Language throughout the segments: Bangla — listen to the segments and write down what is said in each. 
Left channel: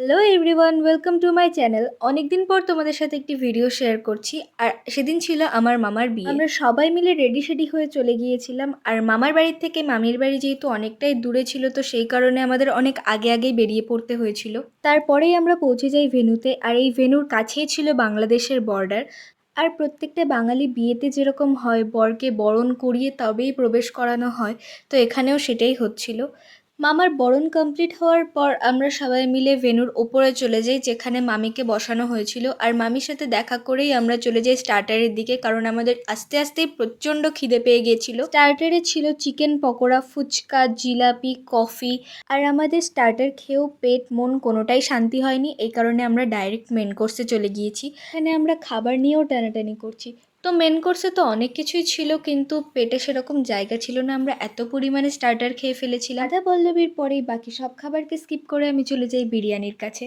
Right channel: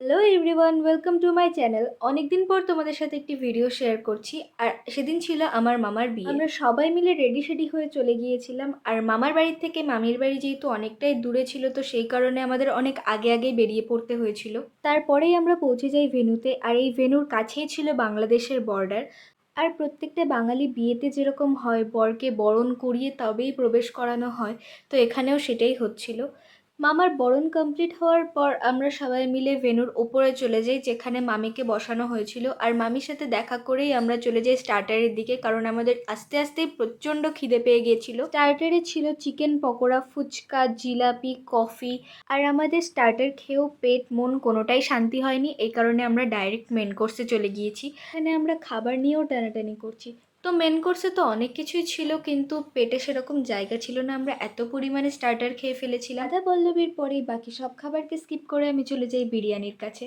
Hello everyone, welcome to my channel. অনেকদিন পর তোমাদের সাথে একটি ভিডিও শেয়ার করছি। আর সেদিন ছিল আমার মামার বিয়ে। আমরা সবাই মিলে রেডি শেডি হয়ে চলে গিয়েছিলাম। আর মামার বাড়ির থেকে মামির বাড়ি যেহেতু অনেকটাই দূরে ছিল, তো সেই কারণে আমাদের অনেক আগে আগেই বেরিয়ে পড়তে হয়েছিল। তারপরেই আমরা পৌঁছে যাই ভেন্যুতে। আর এই ভেন্যুর কাছেই ছিল বাংলাদেশের বর্ডার। আর প্রত্যেকটা বাঙালি বিয়েতে যেরকম হয় বরকে বরণ করিয়ে তবেই প্রবেশ করানো হয়, তো এখানেও সেটাই হচ্ছিল। মামার বরণ কমপ্লিট হওয়ার পর আমরা সবাই মিলে ভেন্যুর ওপরে চলে যাই, যেখানে মামিকে বসানো হয়েছিল। আর মামির সাথে দেখা করেই আমরা চলে যাই স্টার্টারের দিকে, কারণ আমাদের আস্তে আস্তেই প্রচণ্ড খিদে পেয়ে গিয়েছিল। স্টার্টারে ছিল চিকেন পকোড়া, ফুচকা, জিলাপি, কফি। আর আমাদের স্টার্টার খেয়েও পেট মন কোনোটাই শান্তি হয়নি, এই কারণে আমরা ডাইরেক্ট মেন কোর্সে চলে গিয়েছি। এখানে আমরা খাবার নিয়েও টানাটানি করছি। তো মেন কোর্সে তো অনেক কিছুই ছিল, কিন্তু পেটে সেরকম জায়গা ছিল না, আমরা এত পরিমাণে স্টার্টার খেয়ে ফেলেছিলাম। রাধা পল্লবীর পরেই বাকি সব খাবারকে স্কিপ করে আমি চলে যাই বিরিয়ানির কাছে।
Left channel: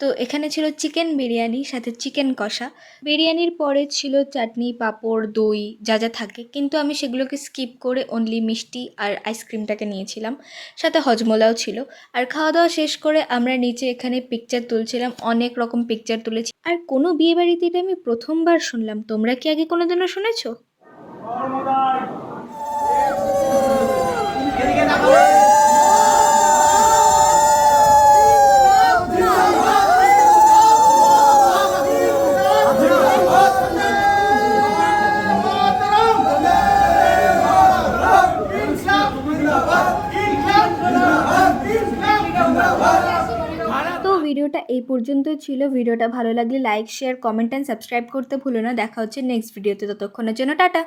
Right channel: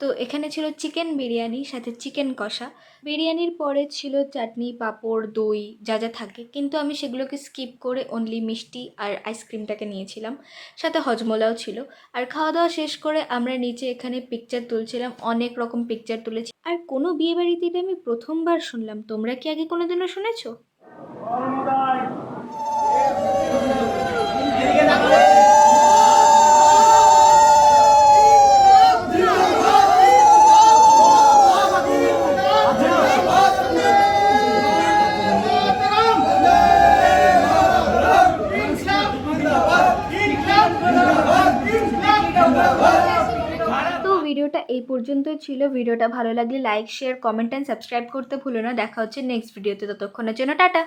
তো এখানে ছিল চিকেন বিরিয়ানি, সাথে চিকেন কষা। বিরিয়ানির পরে ছিল চাটনি, পাঁপড়, দই, যা যা থাকে, কিন্তু আমি সেগুলোকে স্কিপ করে অনলি মিষ্টি আর আইসক্রিমটাকে নিয়েছিলাম। সাথে হজমোলাও ছিল। আর খাওয়া দাওয়া শেষ করে আমরা নিচে এখানে পিকচার তুলছিলাম, অনেক রকম পিকচার তুলেছি। আর কোনো বিয়ে বাড়িতে এটা আমি প্রথমবার শুনলাম। তোমরা কি আগে কোনোদিনও শুনেছো? তো ভিডিওটা এই পর্যন্ত ছিল। ভিডিওটা ভালো লাগলে like, share, comment and subscribe করতে ভুলো না। দেখা হচ্ছে নেক্সট ভিডিওতে, ততক্ষণের জন্য টাটা।